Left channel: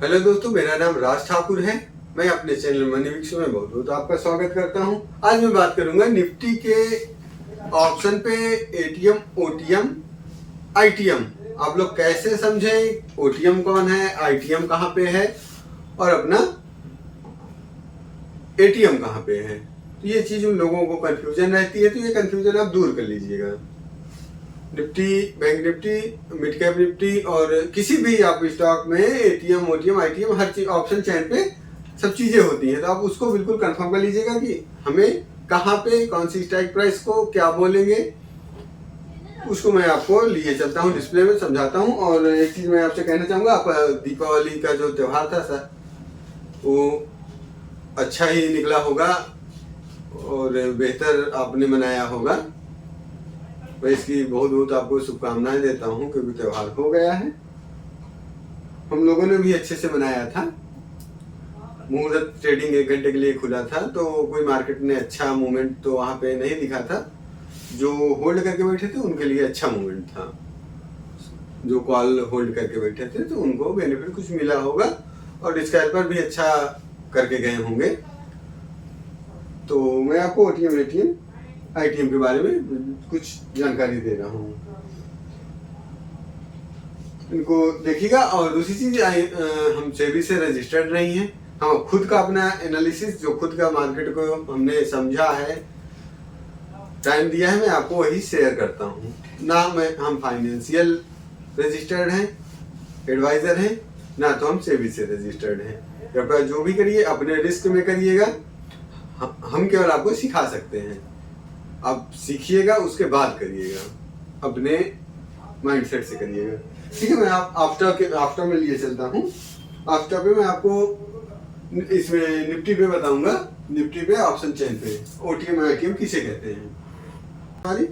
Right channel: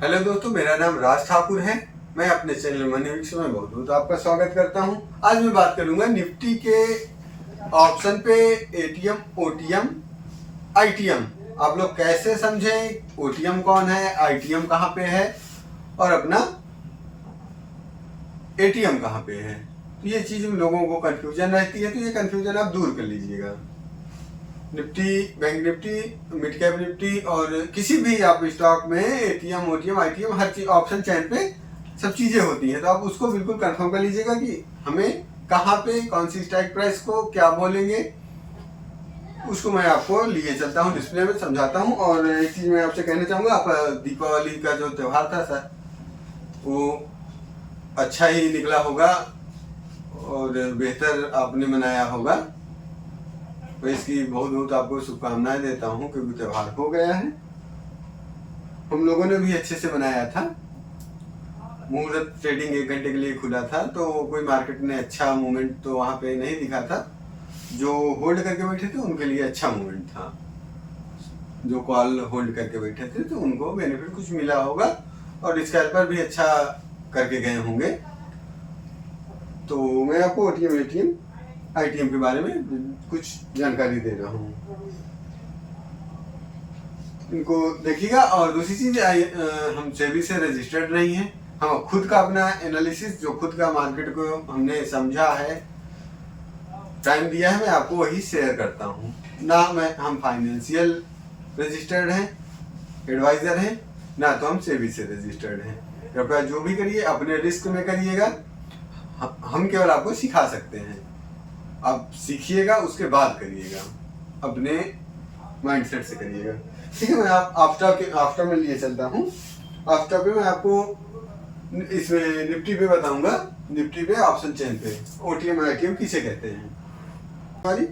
Hello दोस्तों, मेरा नाम राज ठाकुर है। मैं अपने चैनल मनी विक्स में बहुत बहुत आपका स्वागत करता हूं। आज मैं बात करूंगा निफ्टी के ऑप्शन पे एटीएम, ओटीएम, आईटीएम। आप लोग कैसे समझें ओटीएम कौन है, आईटीएम कहाँ पे है और अपना एटीएम कहाँ पे है। तो ये चीज उन लोगों को कंफ्यूजन रहती है, तो ये कंफ्यूजन आप दूर कर लीजिएगा। Nifty, bank Nifty, mid cap Nifty और किसी भी आप स्टॉक में एटीएम, ओटीएम, आईटीएम हर चीज ऑप्शन चैन पे सब चीजें होती हैं। तो आप उसको बिल्कुल कंफर्म कर लीजिएगा कि हमें कहाँ पे कौन सी स्ट्राइक प्राइस को क्या बोलेंगे। उसको मैं आपको लिए चलता हूँ, डिस्प्ले में समझाता हूँ। और एक चीज मैं आपसे कहना चाहूंगा, आप दीपावली का जो त्योहार था सर, वो अच्छा ही निकला होगा और बेहतर आपने मनाया होगा। मैं इसकी बहुत बहुत आपको शुभकामनाएं देता हूं, क्योंकि त्योहार हो गया है। हम लोगों ने भी अच्छे से मनाया था। मुहूर्त ट्रेडिंग 1 घंटे के लिए खुला था, तो कोई मार्केट ने अच्छा मूवमेंट तो वहां पे नहीं दिखा था। जो होल्ड करके बैठे थे उनके लिए अच्छा मूवमेंट था। जो कॉल होल्ड करके बैठे थे तो उनको बेनिफिट कुछ मिला होगा और स्कैल्पर भी अच्छा करके गए होंगे। तो मैं आपको ओटीएम, एटीएम, आईटीएम के बारे में कुछ जानकारी दे रहा हूँ, इनको देखिएगा। और दूसरी चीज, हम सेबी से रजिस्टर्ड नहीं है। हम खुद का अपना एनालिसिस, जो खुद का मार्केट को हमने समझा है, टाइम दिया है, मैं आपको वही शेयर करता हूँ। ना हम फाइनेंशियल रजिस्टर्ड हैं, एडवाइजर हैं, ना तो हम सेबी से रजिस्टर्ड हैं। कृपया जो भी करिए अपने रिस्क में करिएगा। हम केवल आपको सिखा सकते हैं, आप सीखिएगा उसके बाद करिएगा, अपने माइंडसेट से करिएगा। ठीक है, मैं आफ्टर में लिए चलता हूँ। आफ्टर पे मैं आपको इसमें निफ्टी पे बताऊंगा। निफ्टी पे ऑप्शन चेन पे ओटीएम, आईटीएम किसे कहते हैं। हाँ जी।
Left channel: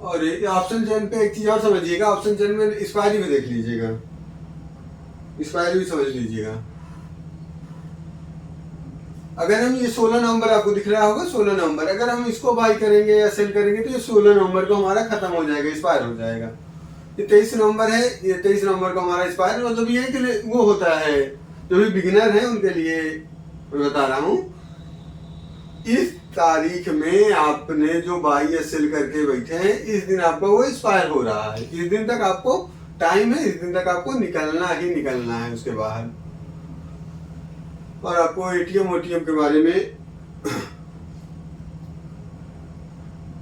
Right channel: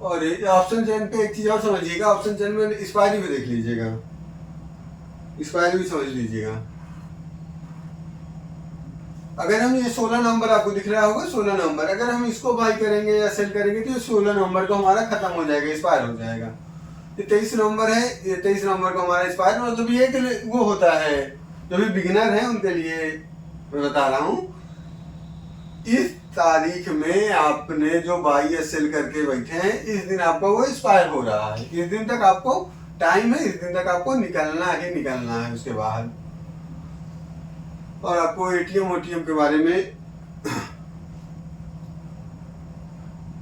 और ऑप्शन चेन पे एक चीज और समझिएगा, ऑप्शन चेन में एक्सपायरी भी देख लीजिएगा, एक्सपायरी भी समझ लीजिएगा। अगर हम ये 16 नवंबर आपको दिख रहा होगा, 16 नवंबर, अगर हम इसको बाई करेंगे या सेल करेंगे तो ये 16 नवंबर को हमारा खत्म हो जाएगा, एक्सपायर हो जाएगा। ये 23 नवंबर है, ये 23 नवंबर को हमारा एक्सपायर, मतलब ये कि वो होता है जो भी बिगिनर है उनके लिए मैं बता रहा हूँ। इस तारीख में आपने जो बाई या सेल करके बैठे हैं, इस दिन आपका वो एक्सपायर हो रहा है। इस दिन तक आपको टाइम है, इस दिन तक आपको निकलना ही निकलना है उसके बाहर। और आपको एटीएम, ओटीएम के बारे में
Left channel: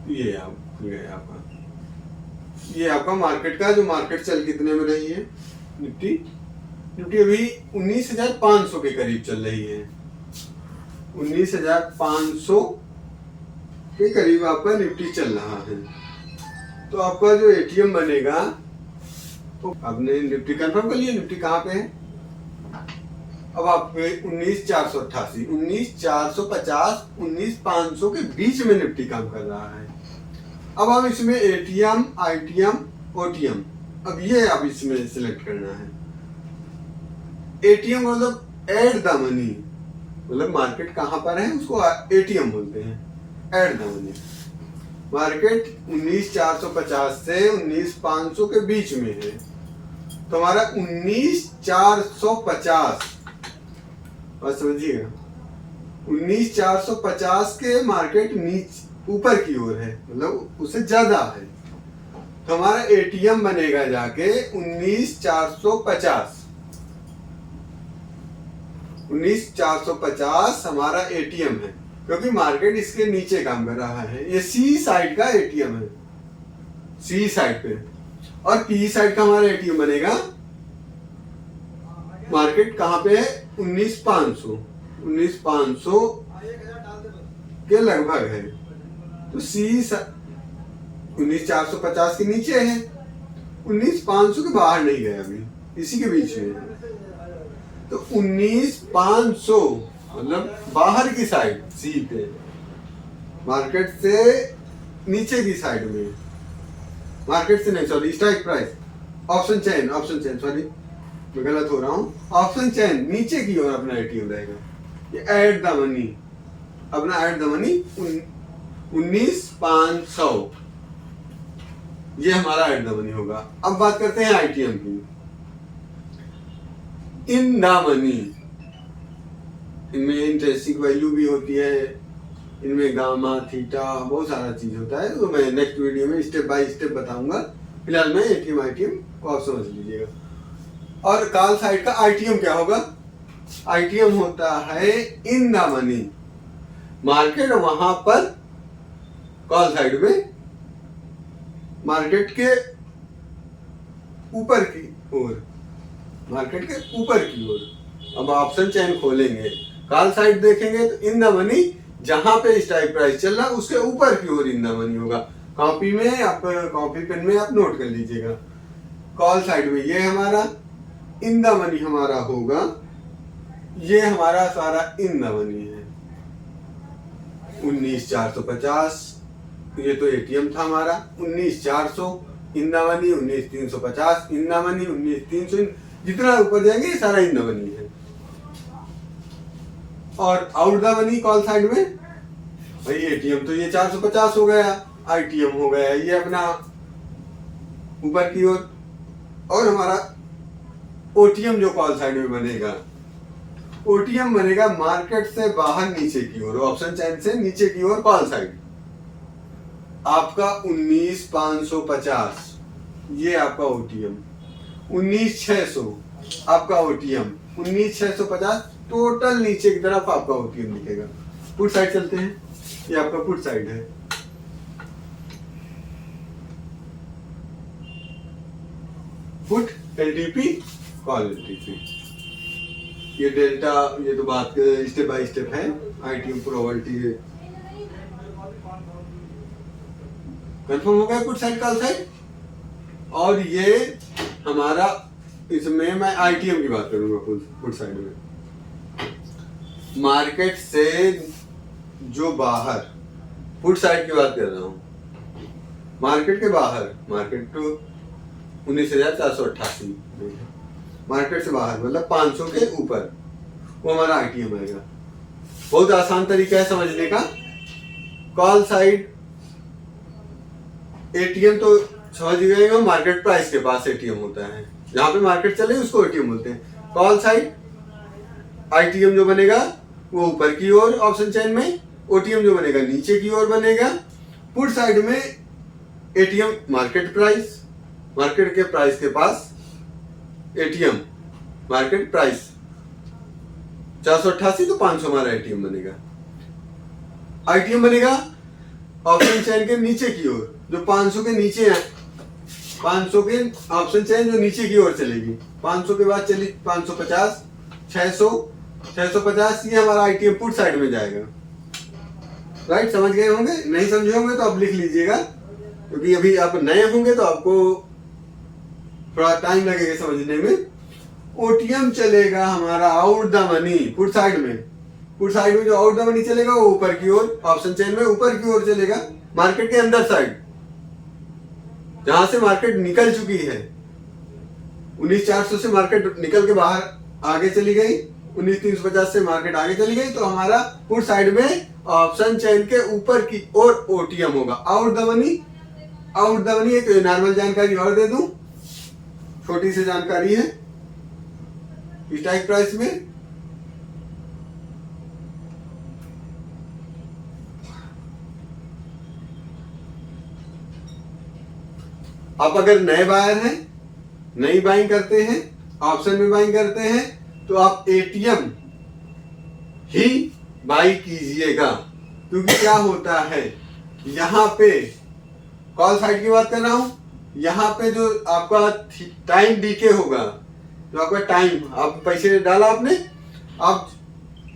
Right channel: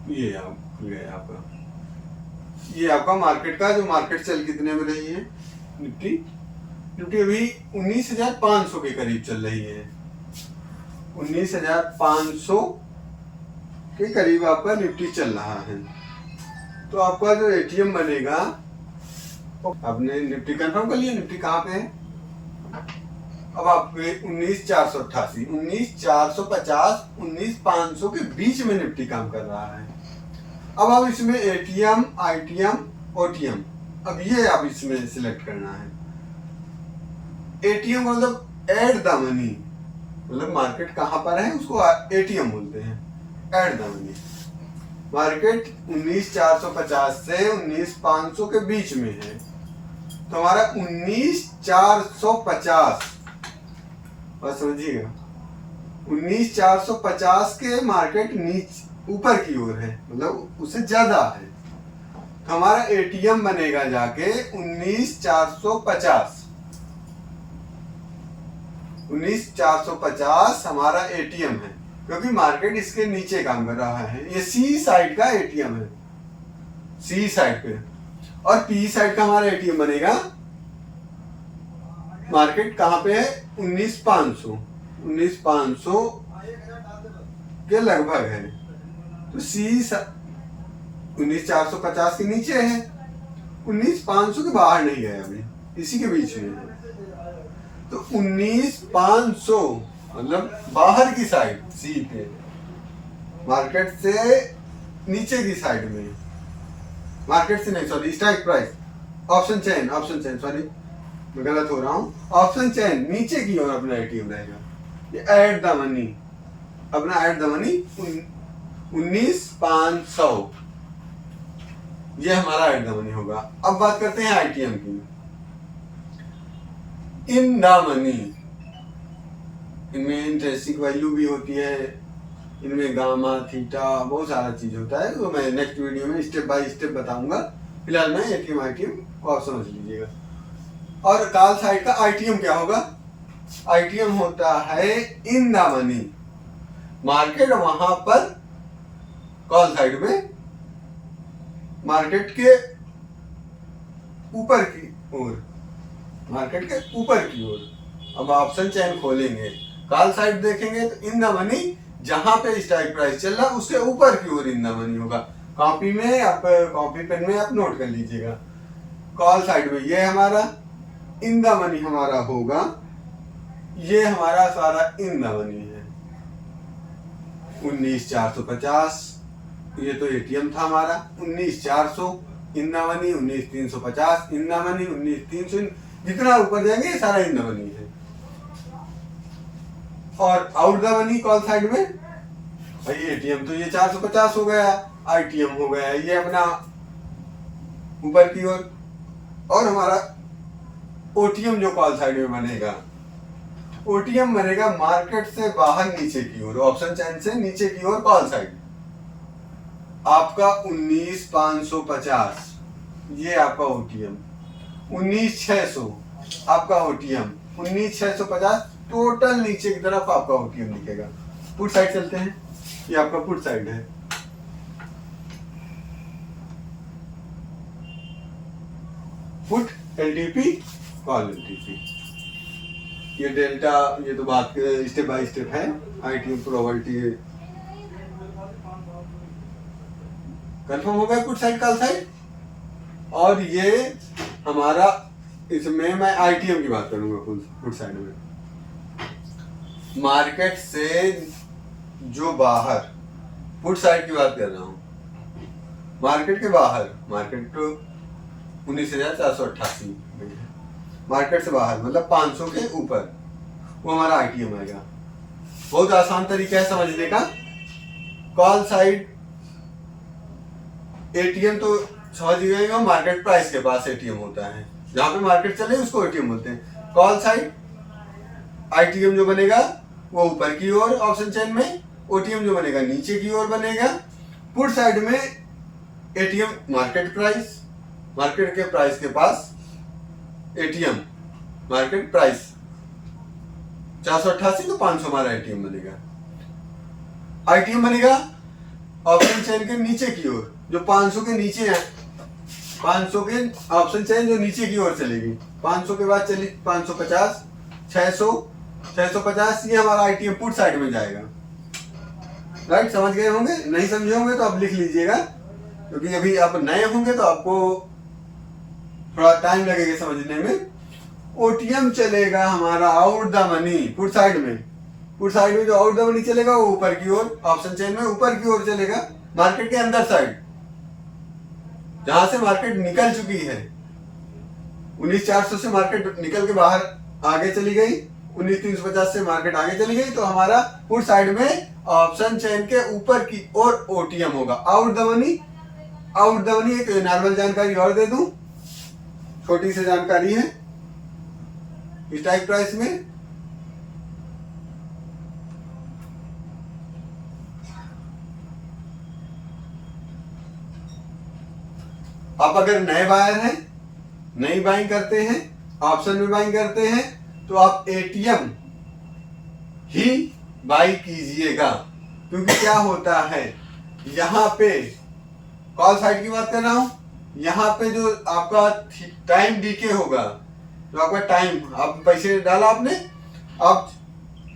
ये आप खुल गया आपका, ये आपका मार्केट का, जो मार्केट चल कितने में रही है। निफ्टी अभी 19,500 के करीब चल रही है। 19,500 के करीब आपका निफ्टी चल रहा है। तो आपका जो एटीएम बनेगा, तो आपने निफ्टी कंफर्म कर लिया, निफ्टी कहाँ पे है। अब आपके 19,488, 19,450, 19,500 के बीच में निफ्टी काम कर रहा है। अब हम इसमें एटीएम, आईटीएम, ओटीएम, अब ये आप इसमें सिलेक्ट करना है। एटीएम मतलब एड द मनी, मतलब मार्केट कहां पर है उसको एटीएम बोलते हैं, एड द मनी। मार्केट 19,450 से 19,500 के बीच में है, तो हमारा 19,450, और समझिएगा 19,450 के मार्केट नीचे ऊपर की ओर है, मतलब उससे ज्यादा है। तो हमारा एटीएम बनेगा जाके 19,450, 19,450 हमारा एटीएम है, क्योंकि मार्केट इसके नीचे काम कर रहा है। ये सी साइड का एटीएम है, सी साइड पे। और पी साइड का हमारा एटीएम बनेगा, मार्केट कहां पे है, 19,500, 19,500 के लगभग है। तो सी 19,450 के नीचे है, 19,500 के बाहर नहीं गया, अभी इसी के बीच में है। तो 19,500 मतलब बाहर की साइड, सी पे, मार्केट से नीचे की साइड में, मार्केट से नहीं, sorry, strike price, option chain, sorry मैं गलत हो रहा हूँ, ऑप्शन चेन नीचे की ओर अपना एटीएम रहेगा। ये ऐड द मनी, अपना ऐड द मनी 19,500, ये हमारा ऐड द मनी होगा। अब बात करते हैं आईटीएम की। इन द मनी, इनमें इंटरेस्टिंग वैल्यू भी होती है, इनमें गामा थीटा बहुत सारा चीज होता है, तो मैं नेक्स्ट वीडियो में स्टेप बाय स्टेप बताऊंगा। फिलहाल मैं एटीएम आईटीएम को आप समझ लीजिएगा। और कॉल साइड का आईटीएम क्या होगा? आईटीएम होता है इन द मनी, मार्केट वहां पर कॉल साइड में मार्केट के ऊपर की ओर, मार्केट के ऊपर की ओर। अब ऑप्शन चेन खोलेंगे, कॉल साइड देखेंगे तो इन द मनी, जहां पे स्ट्राइक प्राइस चल रहा उसके ऊपर की ओर इन द मनी होगा। कॉपी में आप, कॉपी पेन में आप नोट कर लीजिएगा। कॉल साइड में ये हमारा इन द मनी हमारा होगा, ये हमारा सारा इन द मनी है 19,450। ये तो एटीएम था हमारा 19,400 in the money, 19,350 in the money, 19,300, जितना ऊपर जाएंगे ये सारा इन द मनी है। और out the money call side में भाई एटीएम तो ये 450 हो गया, आईटीएम हो गया ये अपना ऊपर की ओर, और हमारा ओटीएम जो कॉल साइड में बनेगा, ओटीएम बनेगा मार्केट से बाहर नीचे की ओर, ऑप्शन चेन से नीचे की ओर कॉल साइड। आपका 19,550 ये आपका ओटीएम, 19,600 आपका ओटीएम, 19,650 टोटल नीचे की तरफ आपका ओटीएम दिखेगा। पुट साइड चलते हैं, ये आपका पुट साइड है। पुट एलटीपी कॉल एलटीपी, ये डेल्टा, ये तो बात स्टेप बाय स्टेप है। आईटीएम प्रोबेबिलिटी कंफर्म हो गया, पुट साइड कॉल साइड। और ये हमारा, इसमें मैं आईटीएम की बात करूंगा पुट साइड में, मार्केट से जो बाहर, पुट साइड की बात कर रहा हूं, मार्केट के बाहर, मार्केट तो 19,488 मार्केट से बाहर मतलब 500 के ऊपर, वो हमारा आईटीएम आएगा। बहुत आसान तरीका है समझने का। कॉल साइड एटीएम तो समझ गए, मार्केट प्राइस के पास एटीएम होता है, जहां पे मार्केट चले उसको एटीएम बोलते हैं। कॉल साइड आईटीएम जो बनेगा वो ऊपर की ओर ऑप्शन चेन में, ओटीएम जो बनेगा नीचे की ओर बनेगा। पुट साइड में एटीएम मार्केट प्राइस, मार्केट के प्राइस के पास एटीएम, मार्केट प्राइस 488 तो 500 हमारा एटीएम बनेगा। आईटीएम बनेगा ऑप्शन चेन के नीचे की ओर, जो 500 के नीचे है, 500 के ऑप्शन चेन जो नीचे की ओर चलेगी, 500 के बाद चली 550, 600, 650, ये हमारा आईटीएम पुट साइड में जाएगा। राइट, समझ गए होंगे? नहीं समझे होंगे तो आप लिख लीजिएगा, क्योंकि अभी आप नए होंगे तो आपको थोड़ा टाइम लगेगा समझने में। ओटीएम चलेगा हमारा out the money, put side में, पुट साइड में जो आउट द मनी चलेगा वो ऊपर की ओर, ऑप्शन चेन में ऊपर की ओर चलेगा, मार्केट के अंदर साइड, जहां से मार्केट निकल चुकी है। 19,400 से मार्केट निकल के बाहर आगे चली गई, 19,350 से मार्केट आगे चली गई, तो हमारा पुट साइड में ऑप्शन चेन के ऊपर की ओर ओटीएम होगा। Out the money, out the money एक नॉर्मल जानकारी और दे दूं, छोटी सी जानकारी है स्ट्राइक प्राइस में। आप अगर नए बायर हैं, नई बाइंग करते हैं, ऑप्शन में बाइंग करते हैं, तो आप एटीएम ही बाई कीजिएगा। क्योंकि क्या होता है, यहां पे कॉल साइड की बात कर रहा हूं, यहाँ पे जो आपका टाइम डीके होगा, जो आपका टाइम, आप पैसे डाला आपने, आप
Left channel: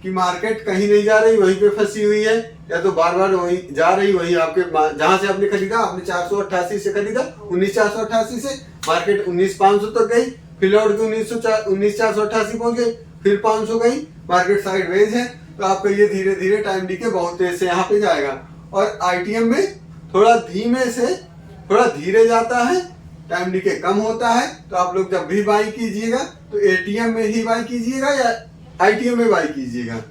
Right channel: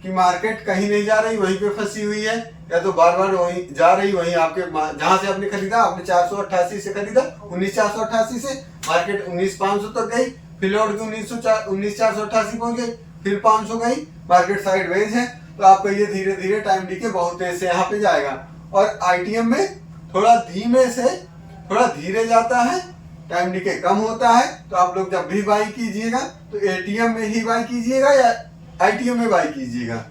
की मार्केट कहीं नहीं जा रही, वहीं पे फंसी हुई है, या तो बार बार वहीं जा रही, वहीं आपके जहां से आपने खरीदा, आपने 488 से खरीदा, 19,488 से मार्केट 19,500 तक गई, फिर लौट के 19,488 पहुंच गई, फिर 500 गई, मार्केट साइडवेज है, तो आपका ये धीरे धीरे टाइम डीके बहुत तेज से यहाँ पे जाएगा। और आईटीएम में थोड़ा धीमे से, थोड़ा धीरे जाता है, टाइम डीके कम होता है। तो आप लोग जब भी बाई कीजिएगा तो एटीएम में ही बाई कीजिएगा या आईटीएम में बाई कीजिएगा,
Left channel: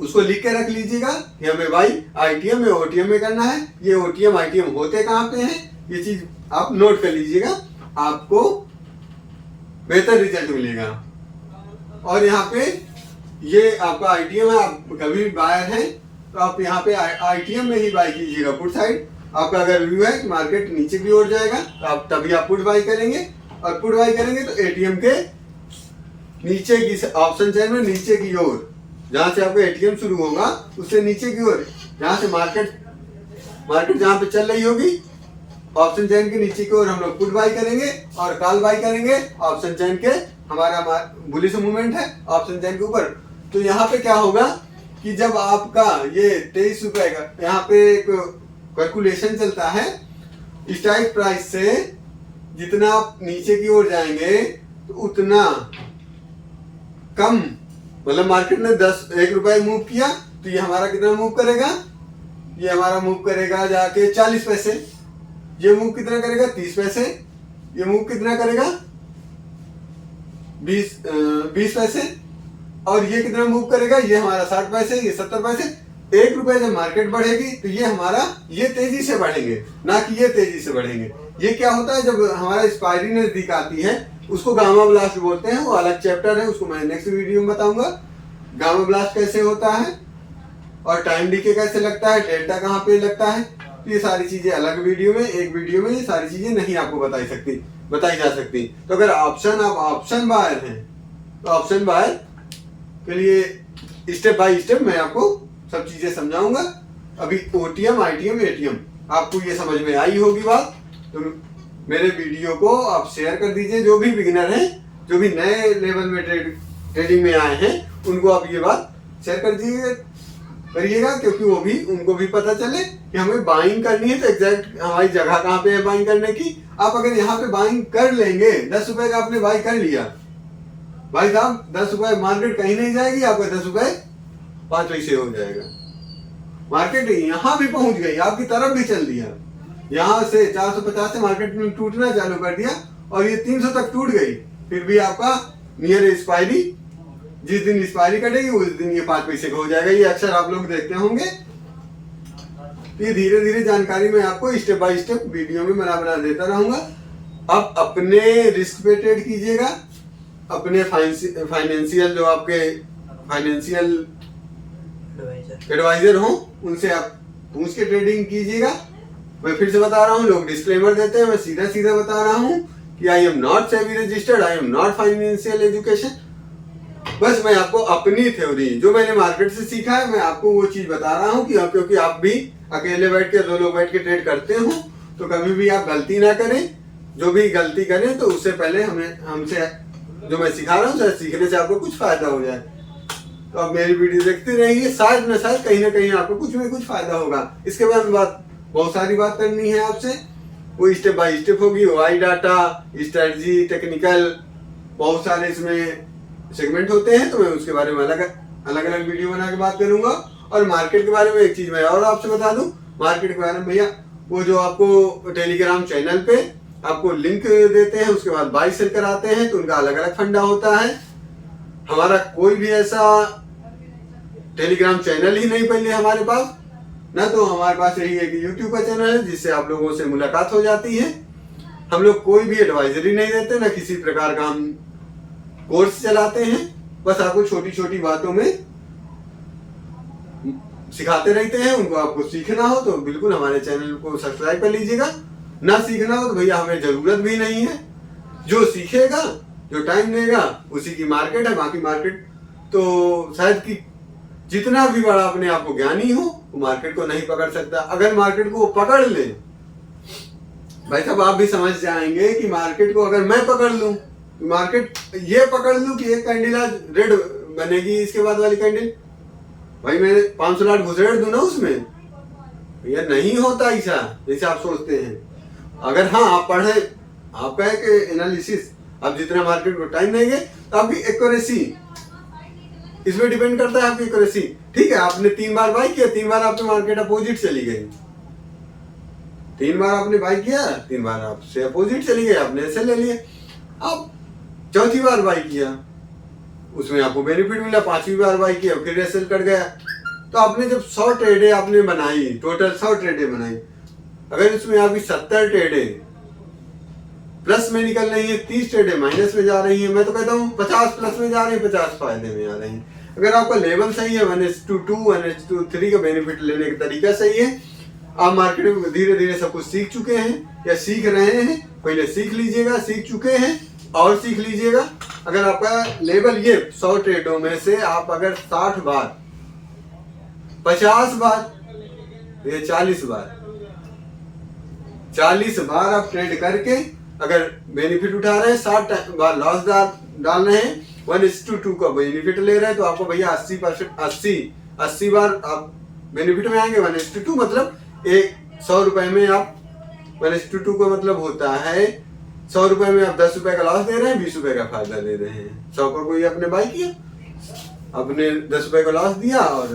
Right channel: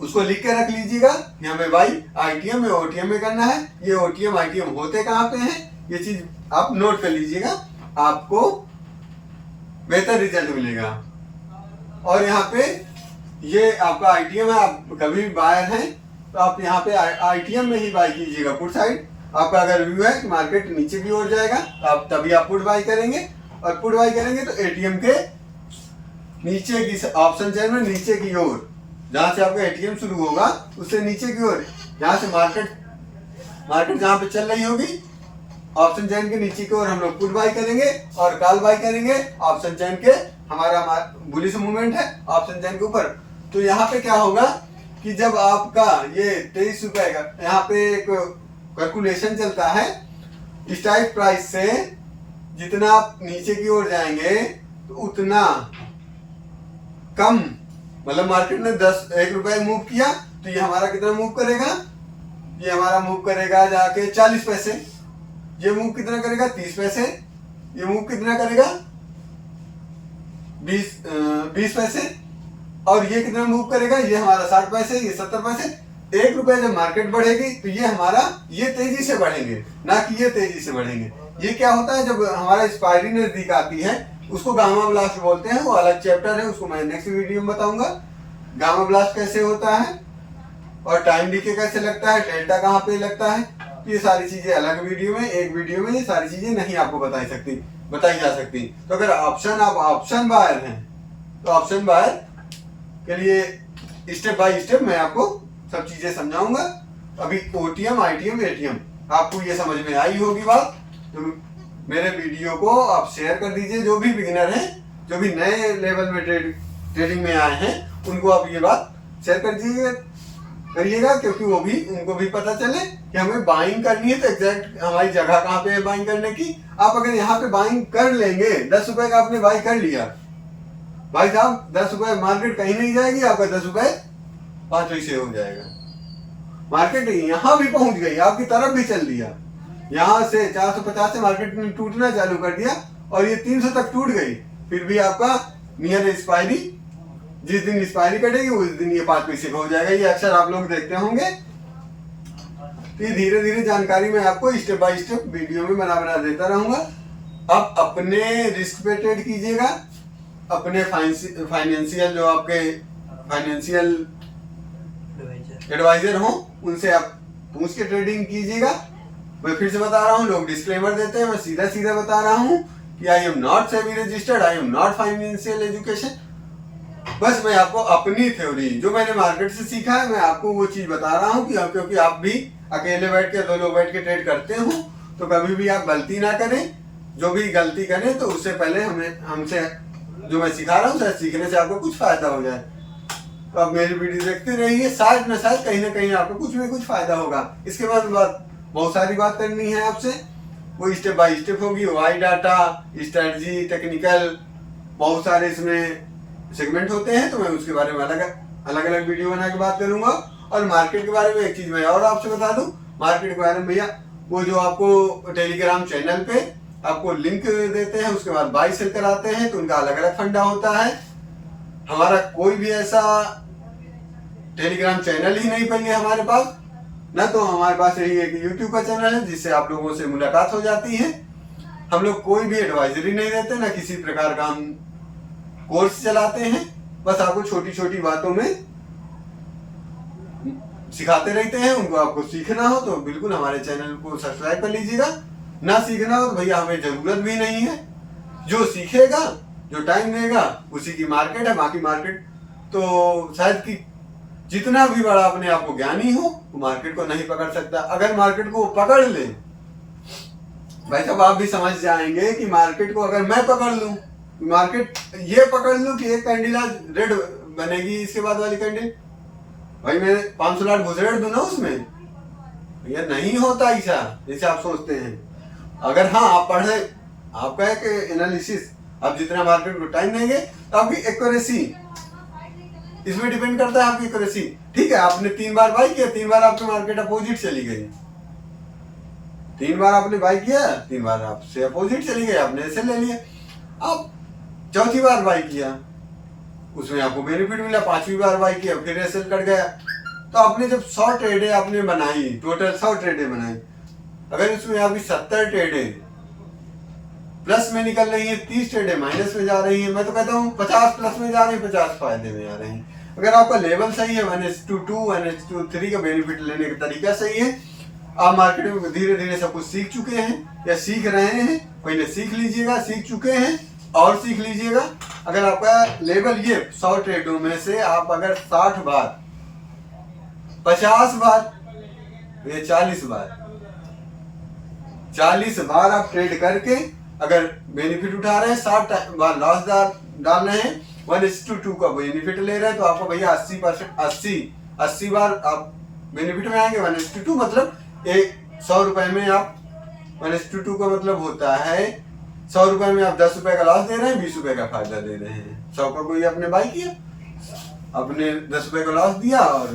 उसको लिख के रख लीजिएगा कि हमें बाई आईटीएम में ओटीएम में करना है। ये ओटीएम आईटीएम होते कहाँ पे हैं, ये चीज आप नोट कर लीजिएगा, आपको बेहतर रिजल्ट मिलेगा। और यहाँ पे ये आपका आईटीएम है, आप कभी भी बायर हैं तो आप यहाँ पे आईटीएम में ही बाय कीजिएगा पुट साइड। आपका अगर व्यू है कि मार्केट नीचे की ओर जाएगा तो आप तभी आप पुट बाय करेंगे, और पुट बाय करेंगे तो एटीएम के नीचे की ऑप्शन चेन में नीचे की ओर, जहां से आपका एटीएम शुरू होगा उससे नीचे की ओर, जहां से मार्केट जहां पे चल रही होगी ऑप्शन चेन के नीचे की ओर हम लोग पुट बाय करेंगे और कॉल बाय करेंगे ऑप्शन चेन के। हमारा बुलिश मूवमेंट है ऑप्शन चेन के ऊपर। तो यहाँ पे क्या होगा कि जब आपका ये 23 रुपए का यहाँ पे एक कैलकुलेशन चलता है, स्ट्राइक प्राइस से जितना आप नीचे की ओर जाएंगे तो उतना कम, मतलब मार्केट ने 1 रुपए मूव किया तो ये हमारा कितना मूव करेगा, ये हमारा मूव करेगा जाके 40 पैसे, ये मूव कितना करेगा 30 पैसे, ये मूव कितना करेगा 20 पैसे, और ये कितना मूव करेगा, ये हमारा 60 पैसे, ये 70 पैसे। 1 रुपए जब मार्केट बढ़ेगी तो ये हमारा ये तेजी से बढ़ेंगे, ना कि ये तेजी से बढ़ेंगे। ये क्या होता है जब हमारा एक्सपायरी नजदीक आती है उसको गामा ब्लास्ट बोलते हैं, वो अलग चैप्टर है, उसको मैं नेक्स्ट वीडियो में बताऊंगा गामा ब्लास्ट कैसे होता है और टाइम डीके कैसे लगता है, डेल्टा कहाँ पे लगता है। तो ये सारी चीजें अलग वीडियो में, एक वीडियो में ये सारी चीजें नहीं आपको बताई जा सकती। तो अगर आप ऑप्शन बायर हैं तो ऑप्शन बायर के लिए स्टेप बाय स्टेप मैं आपको सब चीजें समझाऊंगा। अभी ओटीएम, आईटीएम, एटीएम आपको ये समझ में आई होगी बात, तो मेरे वीडियो को आप शेयर कर दीजिए। जो भी बिगिनर हैं, जो भी नए लेवल में ट्रेडिंग में आए हैं, उनको आप ये बात शेयर करिएगा, क्योंकि वो भी उनको भी पता चले कि हमें बाइंग करनी है तो एग्जैक्ट हमारी जगह कहाँ पे है बाइंग करने की। आप अगर यहाँ पे बाइंग कर लेंगे, 10 रुपए का आपने बाई कर लिया, भाई साहब 10 रुपए मार्केट कहीं नहीं जाएगी, आपका 10 रुपए 5 पैसे हो जाएगा। मार्केट यहाँ भी पहुंच गई, आपकी तरफ भी चल दिया, यहाँ से 450 से मार्केट ने टूटना चालू कर दिया और ये 300 तक टूट गई, फिर भी आपका नियर एक्सपायरी, जिस दिन एक्सपायरी कटेगी उस दिन ये 5 पैसे का हो जाएगा। ये अक्सर आप लोग देखते होंगे। ये धीरे धीरे जानकारी मैं आपको स्टेप बाय स्टेप वीडियो में बना देता रहूंगा। आप अपने रिस्क पे ट्रेड कीजिएगा, अपने फाइनेंशियल जो आपके फाइनेंशियल एडवाइजर हो उनसे आप पूछ के ट्रेडिंग कीजिएगा। मैं फिर से बता रहा हूँ, लोग डिस्क्लेमर देते हैं, मैं सीधा बता रहा हूँ कि I am not SEBI registered, I am not financial education. बस मैं आपको अपनी थ्योरी जो मैंने मार्केट से सीखा है मैं आपको वो चीज बता रहा हूँ, क्योंकि आप भी अकेले बैठ के 2 लोग बैठ के ट्रेड करते हो तो कभी भी आप गलती ना करें। जो भी गलती करें तो उससे पहले हमसे जो मैं सिखा रहा हूँ सीखने से आपको कुछ फायदा हो जाए। तो आप मेरी वीडियो देखते रहिए, शायद कहीं ना कहीं आपको कुछ ना कुछ फायदा होगा। इसके बाद बहुत सारी बात करनी है आपसे, वो स्टेप बाय स्टेप होगी। वाई डाटा, स्ट्रेटजी, टेक्निकल, बहुत सारे इसमें सेगमेंट होते हैं, तो मैं उसके बारे में अलग वीडियो बना के बात करूंगा। और मार्केट के बारे में एक चीज मैं और आपसे बता दूं, मार्केट के बारे में भैया वो जो आपको टेलीग्राम चैनल पे आपको लिंक देते हैं, उसके बाद बाई सेल कराते हैं, तो उनका अलग फंडा होता है। हमारा कोई भी ऐसा टेलीग्राम चैनल ही नहीं पहले हमारे पास, ना तो हमारे पास यही एक यूट्यूब का चैनल है जिससे आप लोगों से मुलाकात हो जाती है। हम लोग कोई भी एडवाइजरी नहीं देते, ना किसी प्रकार का हम कोर्स चलाते हैं, बस आपको छोटी बातों में सिखाते रहते हैं। उनको आपको सीखना हो तो बिल्कुल हमारे चैनल को सब्सक्राइब कर लीजिएगा, ना सीखना हो तो भैया हमें जरूरत भी नहीं है। जो सीखेगा, जो टाइम देगा, उसी की मार्केट है। बाकी मार्केट तो शायद कि जितना भी बड़ा अपने आप को ज्ञानी हो वो मार्केट को नहीं पकड़ सकता। अगर मार्केट को वो पकड़ ले भाई साहब, आप भी समझ जाएंगे कि मार्केट को अगर मैं पकड़ लूं, मार्केट ये पकड़ लूं कि एक कैंडल आज रेड बनेगी, इसके बाद वाली कैंडल भाई मैं 500 लाख घुसेड़ दूं ना उसमें, ये नहीं होता ऐसा जैसे आप सोचते हैं। अगर हाँ आप पढ़े, आप कहे कि एनालिसिस, आप जितना मार्केट को टाइम देंगे तो आपकी एक्यूरेसी इसमें डिपेंड करता है, आपकी एक्यूरेसी। ठीक है, आपने 3 बार बाई किया, 3 बार आपकी मार्केट अपोजिट चली गई, 3 बार आपने बाई किया, 3 बार आपसे अपोजिट चली गई, आपने ऐसे ले लिया। अब चौथी बार बाई किया, उसमें आपको बेनिफिट मिला, 5वीं बार बाई किया फिर ऐसे कट गया। तो आपने जब 100 ट्रेडें आपने बनाई, टोटल 100 ट्रेडें बनाई, अगर उसमें आपकी 70 ट्रेडें प्लस में निकल रही है, 30 ट्रेडें माइनस में जा रही है। मैं तो कहता हूँ 50 प्लस में जा रही है, 50 फायदे में आ रही है। अगर आपका लेवल सही है, 1:2, 1:3 का बेनिफिट लेने का तरीका सही है, आप मार्केट में धीरे धीरे सब कुछ सीख चुके हैं या सीख रहे हैं, पहले सीख लीजिएगा, सीख चुके हैं और सीख लीजिएगा। अगर आपका लेवल ये 100 ट्रेडों में से आप अगर 60 बार, 50 बार, ये 40 बार आप ट्रेड करके अगर बेनिफिट उठा रहे हैं, 60 बार लॉस डाल रहे हैं, 1:2 का बेनिफिट ले रहे हैं, तो आपको भैया 80 बार आप बेनिफिट में आएंगे। 1:2 मतलब 100 रुपए में आप 1:2 का मतलब होता है 100 रुपए में आप 10 रुपए का लॉस दे रहे हैं, 20 रुपए का फायदा दे रहे हैं। 100 पर कोई आपने बाई किया, आपने 10 रुपए का लॉस दिया और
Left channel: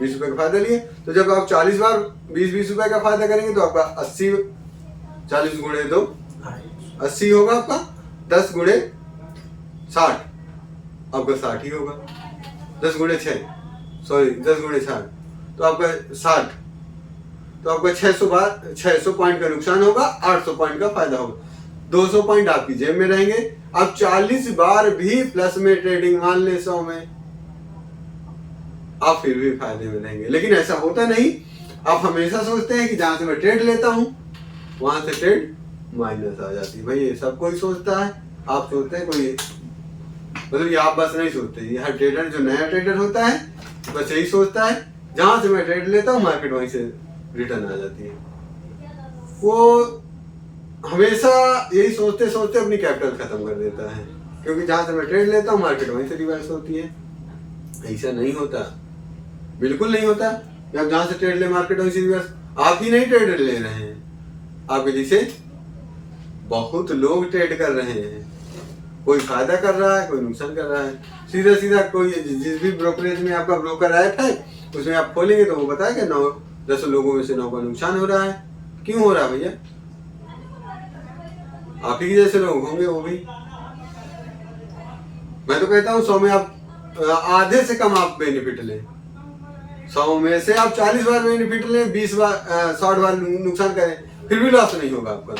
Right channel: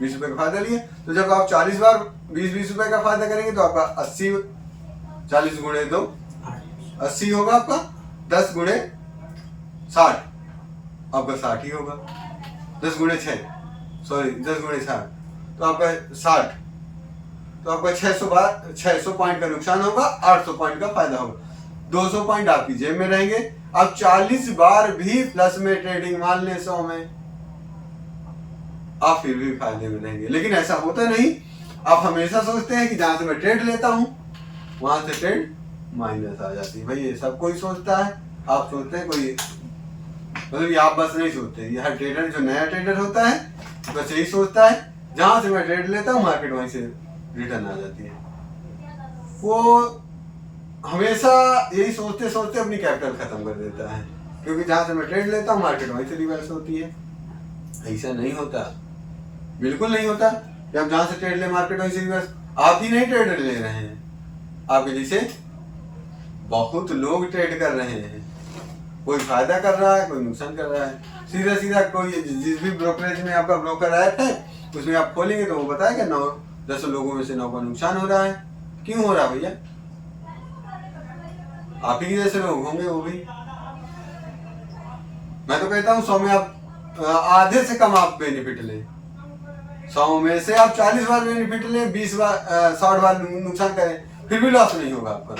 20 रुपए का फायदा लिए। तो जब आप 40 बार 20-20 रुपए का फायदा करेंगे तो आपका 80, 40 गुणे 2 80 होगा आपका, 10 गुणे 60 आपका 60 ही होगा, 10 गुणे 6 तो आपका 60, तो आपका 600 पॉइंट का नुकसान होगा, 800 पॉइंट का फायदा होगा, 200 पॉइंट आपकी जेब में रहेंगे। आप 40 बार भी प्लस में ट्रेडिंग मान लें 100 में, आप फिर भी फायदे में रहेंगे। लेकिन ऐसा होता नहीं, आप हमेशा सोचते हैं कि जहां से मैं ट्रेड लेता हूं वहां से ट्रेड माइनस आ जाती है। भाई ये सब कोई सोचता है, आप सोचते हैं कोई, मतलब ये आप बस नहीं सोचते, ये हर ट्रेडर जो नया ट्रेडर होता है बस यही सोचता है जहां से मैं ट्रेड लेता हूँ मार्केट वहीं से रिटर्न आ जाती है। वो हमेशा यही सोचते सोचते अपनी कैपिटल खत्म कर देता है, क्योंकि जहां से मैं ट्रेड लेता हूँ मार्केट वहीं से रिवर्स होती है। ऐसा नहीं होता, बिल्कुल नहीं होता। जब जहां से ट्रेड ले मार्केट वहीं से रिवर्स, आप ही नहीं ट्रेड ले रहे हैं, आपके जैसे बहुत लोग ट्रेड कर रहे हैं, कोई फायदा कर रहा है, कोई नुकसान कर रहा है। सीधा सीधा कोई जिस भी ब्रोकरेज में आपका ब्रोकर ऐप है उसमें आप खोलेंगे तो वो बताएगा 9-10 लोगों में से 9 का नुकसान हो रहा है। क्यों हो रहा है भैया? आप ही जैसे लोग होंगे वो भी। मैं तो कहता हूँ 100 में आप आधे से कम आप बेनिफिट लें, 100 में से आप 40 बार बेनिफिट लें, 20 बार 60 बार नुकसान करें, फिर भी लॉस नहीं होगा आपका।